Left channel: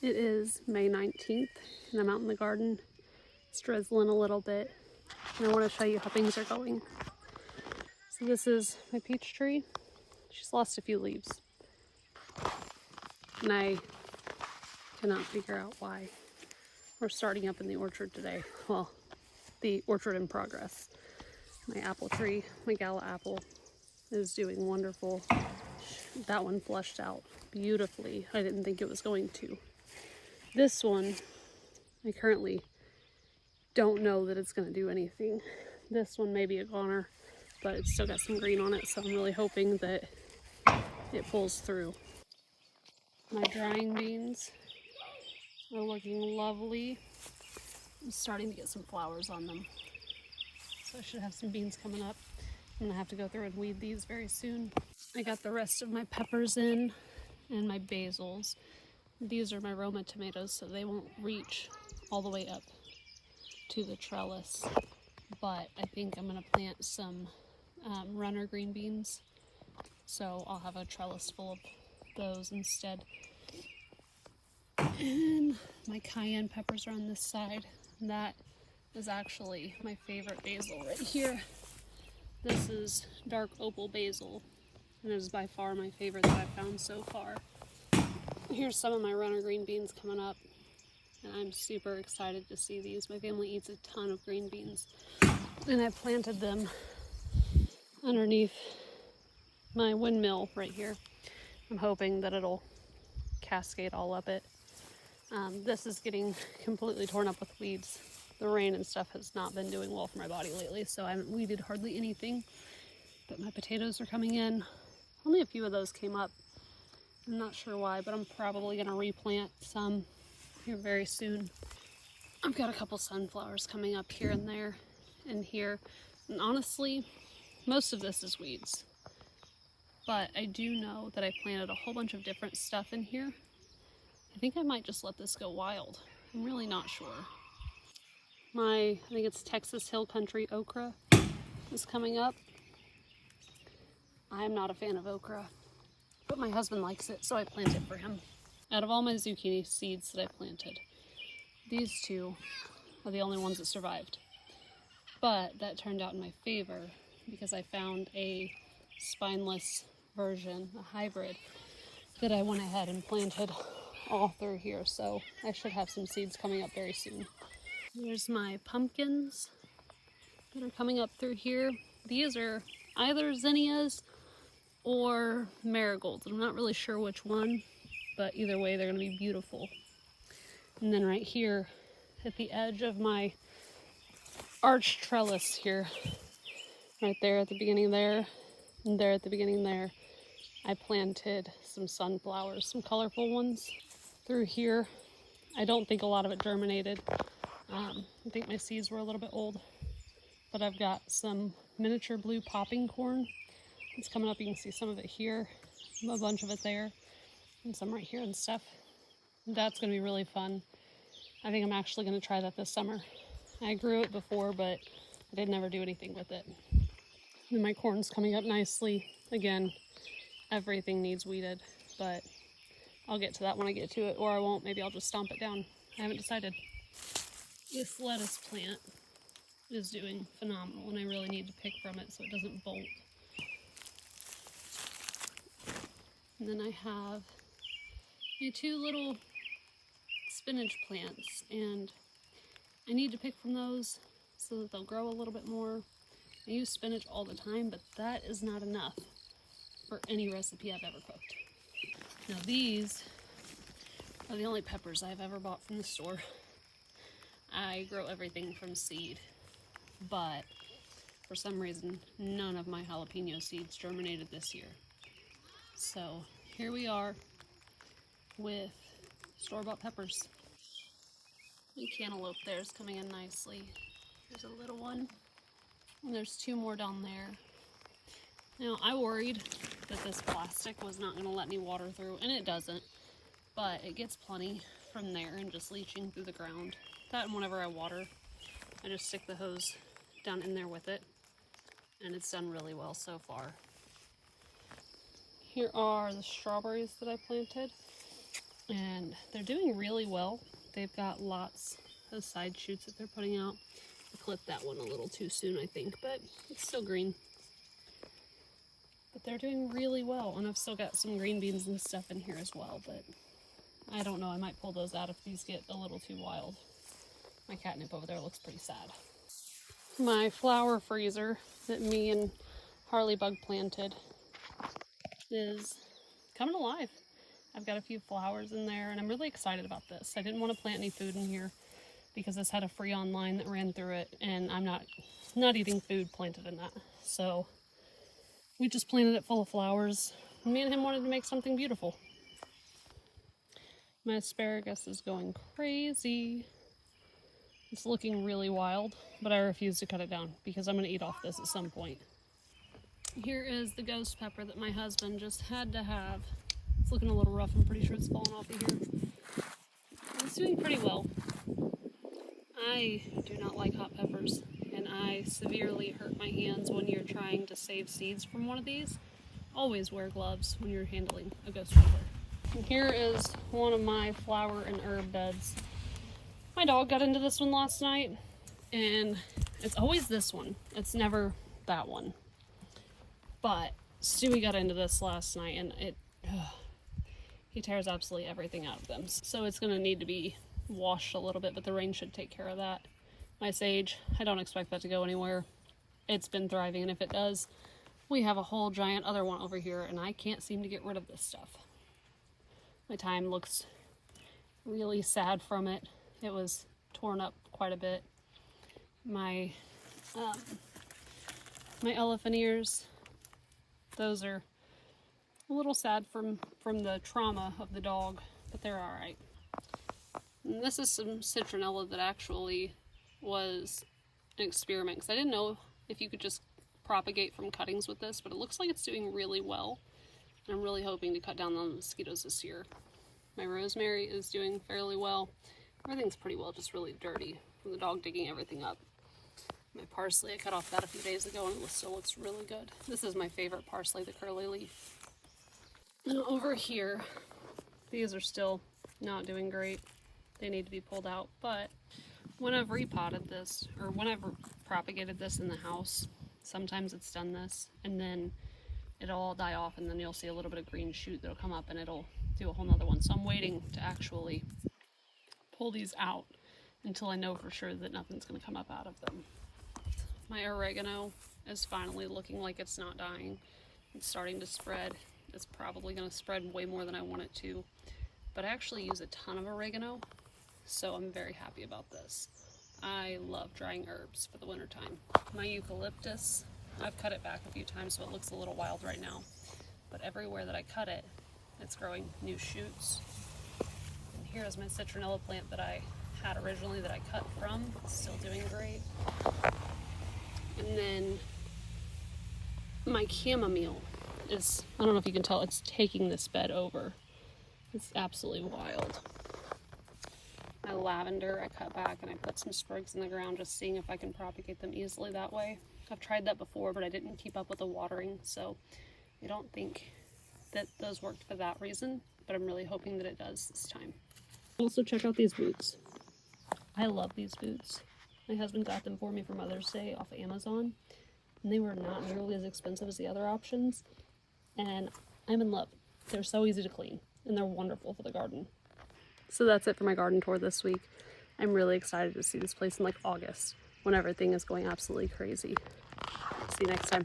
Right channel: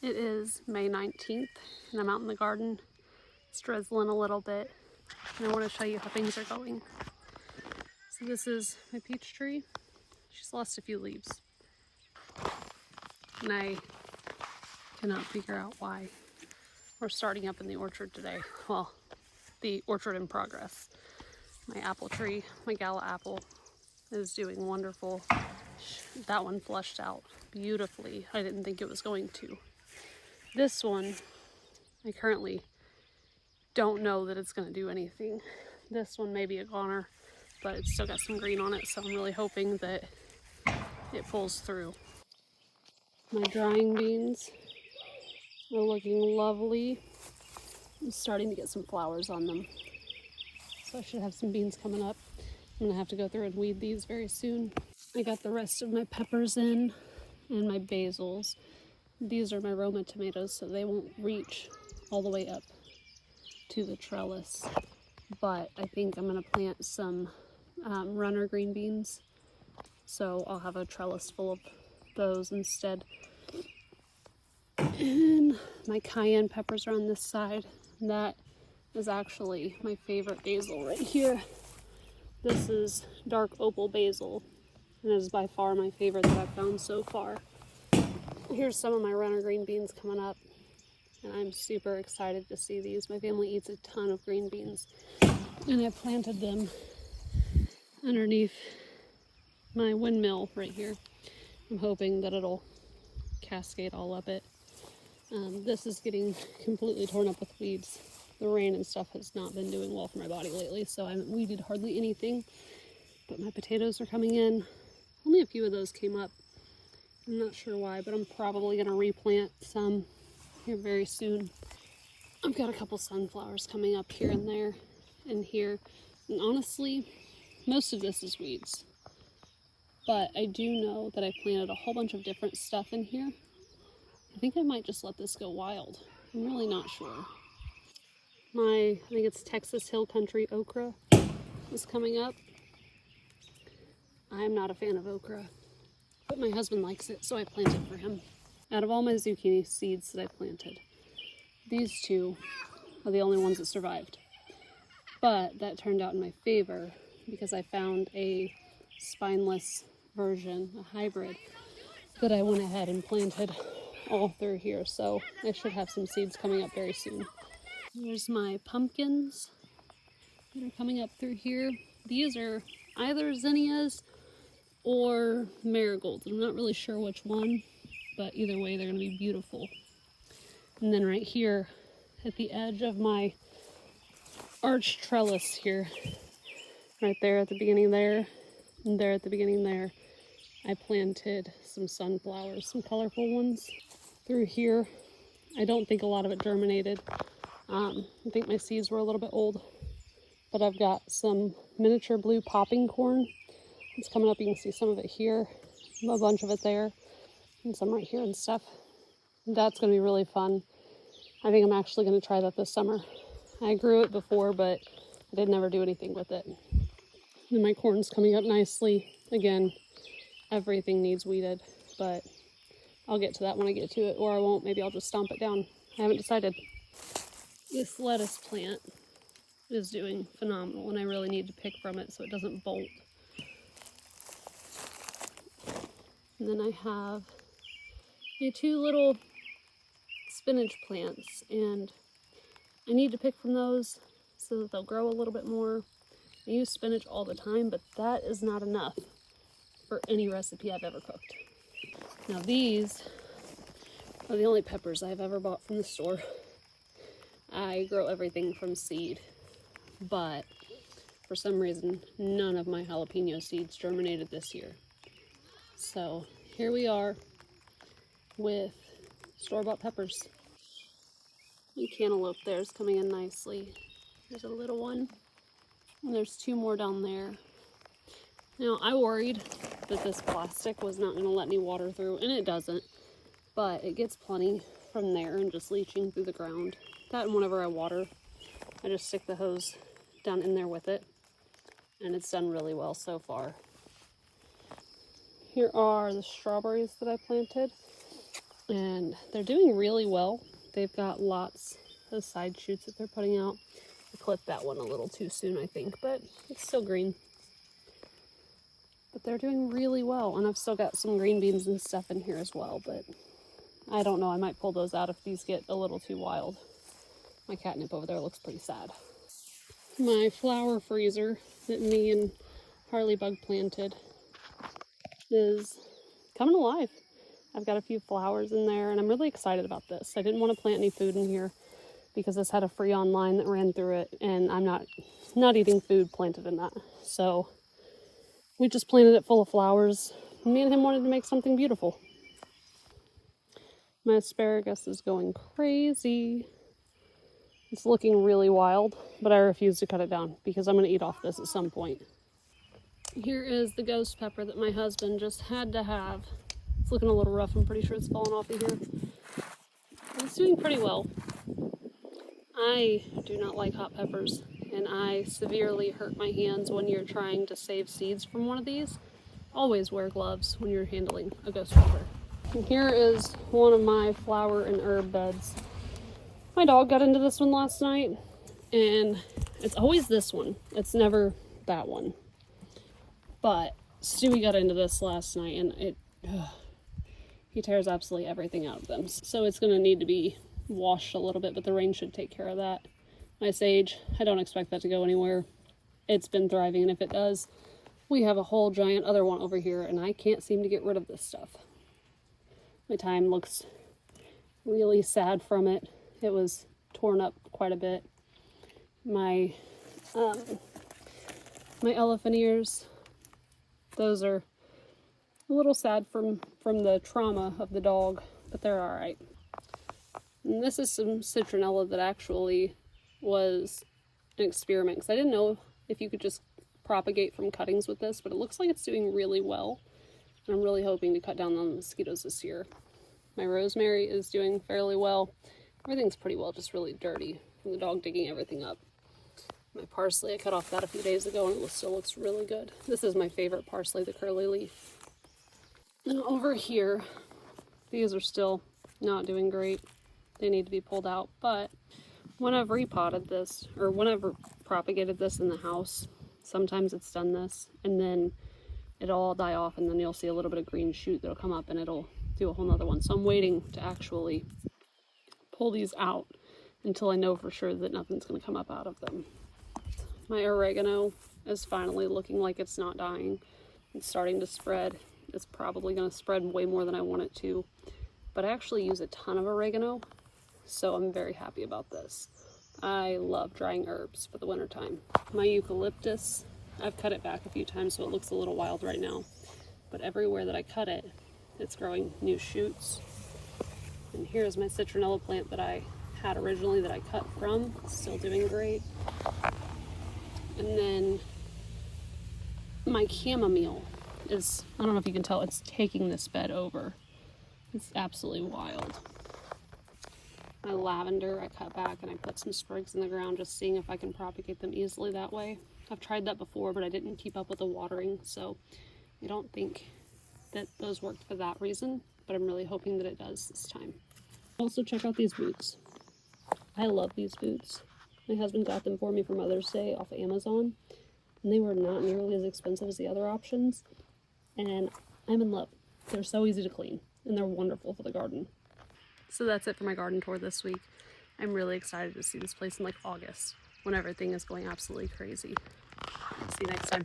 It is May 19th and I'm out in the garden. It's drizzling a little bit and I want to show you how things are going. So this is my peach tree. She's lost a few leaves and I cannot figure out why. We're starting up in the orchard today. Well, the orchard in progress. My apple tree, my gala apple, is doing wonderful. That one flushed out beautifully. I didn't think it was going to. This one, I currently don't know that it's going to do anything. This one may be a goner, but it's still got some green on it, so I'm really hoping that it pulls through. My drying beans are looking lovely. I'm starting to get some flowers on them, so I should have some beans coming up. I'm going to have to go through and weed these very soon. I got the rest of my peppers in and my basils. These are my Roma tomatoes, so they won't reach all the way up to the trellis. But I think I'm going to plant some runner green beans, so I'll have a trellis full of those instead. And my cayenne peppers are on this side. That is actually my favorite basil right here. This is dark opal basil, and it is by far my favorite that I've found so far. Here's some of my runner green beans coming up, and I'm super excited to see these. My family eats a ton of green beans, and I planted them underneath my windmill right here. I'm hoping that it'll cascade all up it. This is getting completely torn up with weeds. The rain and stuff has not been doing well for my body lately, so I haven't weeded hardly anything. But my potatoes are coming in. Only a few of those came up. I'm not sure why, but I'm probably going to replant some here very soon. I've got a couple sunflowers coming up here and there and here. And honestly, most of this is weeds. But I do know that I planted a whole bunch of different stuff in here. I think I might just let this go wild. I'm really not sure. I think it's Texas Hill Country okra is coming up. I'm not a fan of okra, but my husband likes it, so I planted it for him. Out of all my zucchini seeds that I planted, these two are the only ones that survived. But that turned out in my favor because I found a spineless version, a hybrid, that I went ahead and planted all through here. So I should have some seeds coming up very soon. Here's my pumpkins that are coming up through here. These are either zinnias or marigolds. I'm not really sure which one, but either way, they're going to be beautiful. And then right here at the edge of my arch trellis here, right there at the beginning there, and there at the beginning there, I planted some sunflowers, some colorful ones through here. I don't think a lot of it germinated. I think my seeds were a little bit old, but I've got some miniature blue popping corn. It's coming up. You can see some of it here, a bunch of it there, and some right here and stuff. That's going to be really fun. I think I'm actually going to try that this summer. I grew it before, but I did never do anything with it. And my corn's coming up nicely. Again, everything needs weeded, but I'll get to that when I get to it, or I won't. Maybe I'll just stomp it down. I haven't decided. This lettuce plant is doing phenomenal, and I really need to pick from it so it doesn't bolt. And then I have my two little spinach plants, and I need to pick from those so that they'll grow a little bit more. I use spinach all the time, but that is not enough for any recipe I've ever cooked. Now these are the only peppers I've ever bought from the store. I grow everything from seed, but for some reason, none of my jalapeno seeds germinated this year. So here we are with store-bought peppers. The cantaloupe there is coming in nicely. There's a little one, and there's two more down there. Now, I worried that this plastic was not going to let me water through, and it doesn't, but it gets plenty from there and just leaching through the ground. That, and whenever I water, I just stick the hose down in there with it, and it's done really well so far. Here are the strawberries that I planted. and they're doing really well. They've got lots of side shoots that they're putting out. I clipped that one a little too soon, I think, but it's still green. But they're doing really well, and I've still got some green beans and stuff in here as well, but I don't know, I might pull those out if these get a little too wild. My catnip over there looks pretty sad. My flower freezer that me and Harley Bug planted is coming alive. I've got a few flowers in there, and I'm really excited about this. I didn't want to plant any food in here because this had a Freon line that ran through it, and I'm not eating food planted in that. So we just planted it full of flowers. Me and him wanted to make something beautiful. My asparagus is going crazy. It's looking really wild, but I refuse to cut it down because I'm going to eat off this at some point. Here is the ghost pepper that my husband just had to have. It's looking a little rough. I'm pretty sure it's fallen off of here. It's doing pretty well. I do not like hot peppers, and I severely hurt my hands when you're trying to save seeds from one of these. Always wear gloves when you're handling a ghost pepper. And here is one of my flower and herb beds. My dog got into this one last night, and it's always this one. It's never that one. But Stewie got into this last night, and he tears absolutely everything out of them. So it's going to need to be washed a little bit, but the rain should take care of that. My sage, I don't expect that to go anywhere. It's been thriving, and if it does, we have a whole giant other one over here, and I can't seem to get rid of this stuff. My thyme looks really sad from it. It was torn up quite a bit. My elephant ears, those are a little sad from the trauma of the dog, but they're all right. And this is some citronella that actually was an experiment, because I didn't know if you could just propagate from cuttings with this, but it looks like it's doing really well. And I'm really hoping to cut down on the mosquitoes this year. My rosemary is doing fairly well. Everything's pretty well, just really dirty from the dog digging everything up. My parsley, I cut off that a few days ago, and it still looks really good. This is my favorite parsley, the curly leaf. Now over here, these are still not doing great. They need to be pulled out, but when I've repotted this, or when I've propagated this in the house, sometimes it's done this, and then it'll all die off, and then you'll see a little bit of green shoot that'll come up, and it'll do a whole nother one. So I'm waiting to actually pull these out until I know for sure that nothing's going to come up out of them. My oregano is finally looking like it's not dying. It's starting to spread. It's probably going to spread way more than I want it to, but I actually use a ton of oregano, so I'm very happy about this. I love drying herbs for the winter time. My eucalyptus, I've cut it back a few times, so it looks a little wild right now, but everywhere that I cut it, it's growing new shoots. And here's my citronella plant that I had originally that I cut from. It's still doing great. And then my chamomile is, I don't know if you can tell, it's taking this bed over. It's absolutely wild. My lavender, I cut back and I put some sprigs in the ground, just seeing if I can propagate them easily that way. I've tried that before, but I didn't keep up with the watering, so I don't think that those worked for that reason, but I'm really hoping that it does this time. Also, check out these boots. I love these boots. My husband got them for me for Mother's Day off of Amazon, and they were not nearly as expensive as the other options, and I'm in love. They're so easy to clean, and they're wonderful for the garden. So that's it for my garden tour this week. I'm really excited to see this place in like August, when everything is going absolutely crazy. See you next time.